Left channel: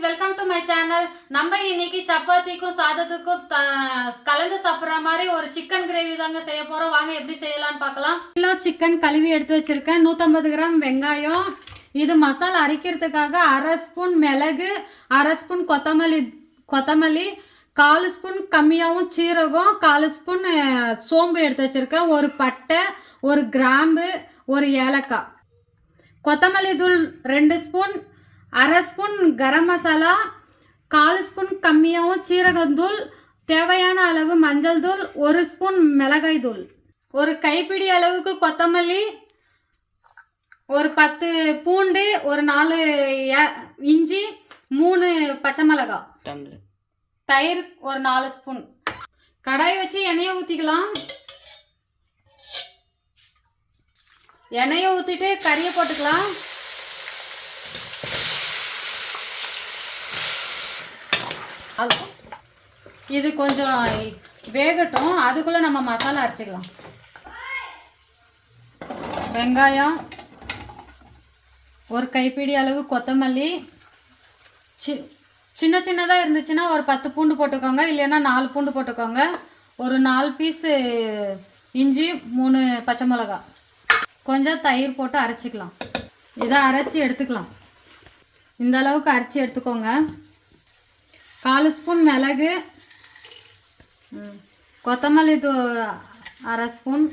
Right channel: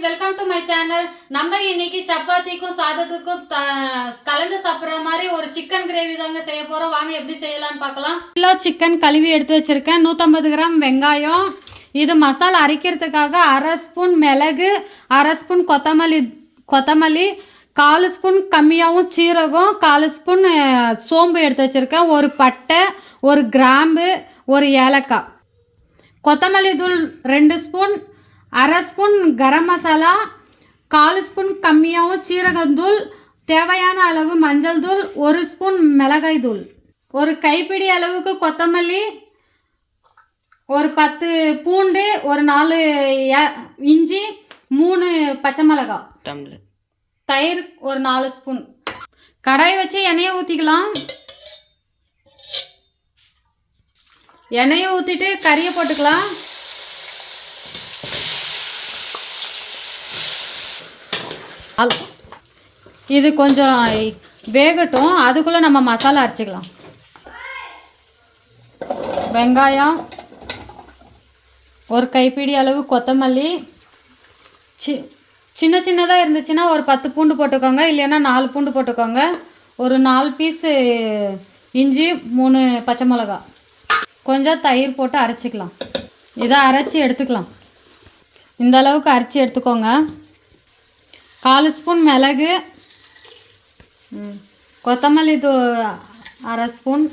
Friends, welcome to my channel. நம்ம இன்னைக்கு சப்பாத்திக்கும் சாதத்துக்கும் கலந்து சாப்பிட்ற மாதிரி ஒரு சிக்கன் கிரேவி தாங்க செய்ய போகிறோம். வாங்க எப்படி செய்யலான்னு பார்க்கலாம். கிலோ சிக்கன் கழுவி எடுத்து வச்சுருக்கேன். 150 கிராம் வெங்காயம். இது மசாலா அரைக்கிறதுக்காக அரை ஸ்பூன் மிளகு, அரை ஸ்பூன் கொத்தமல்லி, 1/4 ஸ்பூன் கம்மியாகவும் சீரகம், 1/4 ஸ்பூன் சோம்பு எடுத்து வச்சுருக்கேன். ஒரு பட்டை, ஒரு கிராம்பு, ஒரு ஏலக்காய். கொத்தமல்லி தூள் 2 ஸ்பூன், அரை ஸ்பூன் கரம் மசாலா, 1/4 ஸ்பூன் கம்மியாகவும் சீரகத்தூள், தேவையான அளவு மஞ்சள் தூள், 1 ஸ்பூன் மிளகாய் தூள், ஒரு கைப்பிடி அளவுக்கு கொத்தமல்லி, ஒரு 10 பூண்டு, ஒரு 4 இஞ்சி, 3 பச்சை மிளகாய், தயிர் ஒரு 4 ஸ்பூன். கடாய் வச்சு எண்ணெயை ஊற்றிக்கலாம். எண்ணெயை ஊற்றிட்டு கறியை போட்டுக்கலாம். இது கொஞ்சம் வேகட்டும். அதுக்குள்ளே நம்ம மசாலா அரைச்சிக்கலாம். வெங்காயம், ஒரு கைப்பிடி அளவு கொத்தமல்லி, சின்ன சின்னதாக இருந்துச்சுன்னா ஒரு 10 பூண்டு போட்டுக்கோங்க, இல்லைன்னா 4 பூண்டு போட்டுக்கோங்க. ஒரு 4 பீஸு இஞ்சி, 3 பச்சை மிளகா, கொஞ்சம் தயிர் போட்டு அரைச்சிக்கலாம். இதை அரைச்சி எடுத்துக்கலாம். இந்த அளவுக்கு அரைச்சி எடுத்துக்கோங்க. 1/4 ஸ்பூன் மிளகு, கொத்தமல்லி அரை ஸ்பூன்,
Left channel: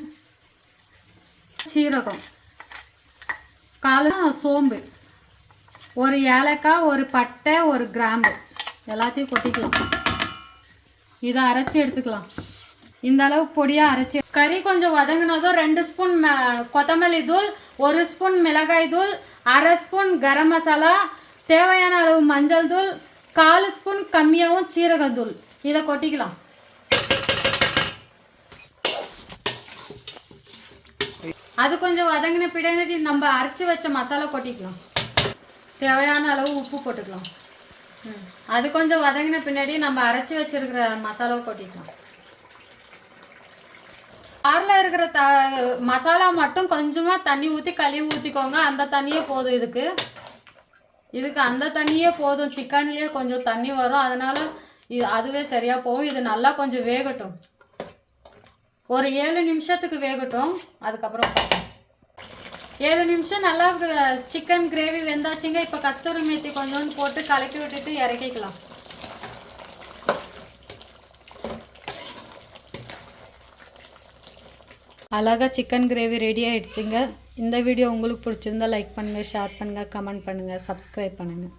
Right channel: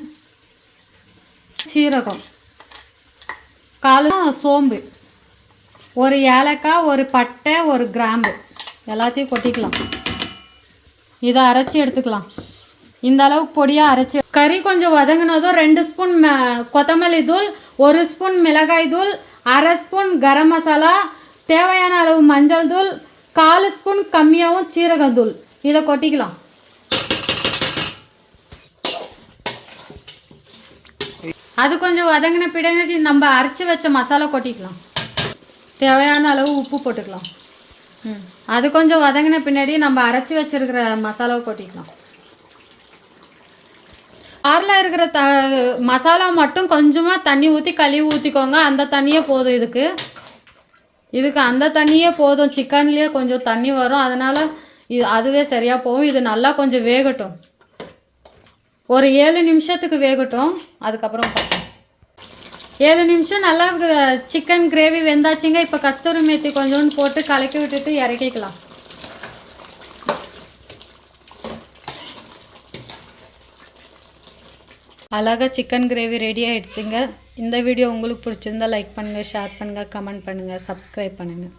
சீரகம், 1/4 சோம்பு, ஒரு ஏலக்காய், ஒரு பட்டை, ஒரு கிராம்பு, எல்லாத்தையும் கொட்டிக்கலாம். இதை அரைச்சி எடுத்துக்கலாம். இந்த அளவுக்கு பொடியாக அரைச்சி. கறி கொஞ்சம் வதங்கினதும் 2 ஸ்பூன் கொத்தமல்லி தூள், 1 ஸ்பூன் மிளகாய் தூள், அரை ஸ்பூன் கரம் மசாலா, தேவையான அளவு மஞ்சள் தூள், 1/4 ஸ்பூன் கம்மியாகவும் சீரகத்தூள், இதை கொட்டிக்கலாம். அது கொஞ்சம் வதங்கின பின்னாடி நம்ம அரைச்சி வச்ச மசாலா கொட்டிக்கலாம். தேவையான அளவு உப்பு போட்டுக்கலாம். அது கொஞ்சம் வதங்கின பின்னாடி நம்ம அரைச்சி வச்சிருக்கிற மசாலாவை கொட்டிக்கலாம். காரில் இருக்கிற மசாலா மட்டும் கொஞ்சமாக தண்ணி ஊற்றி கழுவி ஊற்றிக்கோங்க. அந்த தண்ணியே போதும். இதுக்கு அந்த தண்ணியே போதும். சிக்கன்லேயே கொஞ்சம் தண்ணி வரும், அதனால் அதுவே சரியாக போகும். இது நல்லா கொஞ்சம் வேகட்டும். ஒரு 7 நிமிஷத்துக்கு வேகட்டும். அதுக்கப்புறம் 7 நிமிஷம் நல்லா சிக்கன் கிரேவி வெந்தாச்சுங்க. இப்போ கஸ்தூரி மேத்தி கொஞ்சோண்டு போட்டு கலக்கி விட்டுட்டு இறக்கிக்கலாம். அழகாக சிக்கன் கிரேவி ரெடி ஆகிடுச்சுங்க. இந்த வீடியோ உங்களுக்கு பிடிச்சிருந்தா லைக் பண்ணுங்கள், ஷேர் பண்ணுங்கள், கமெண்ட் பண்ணுங்கள், சப்ஸ்கிரைப் பண்ணுங்கள்.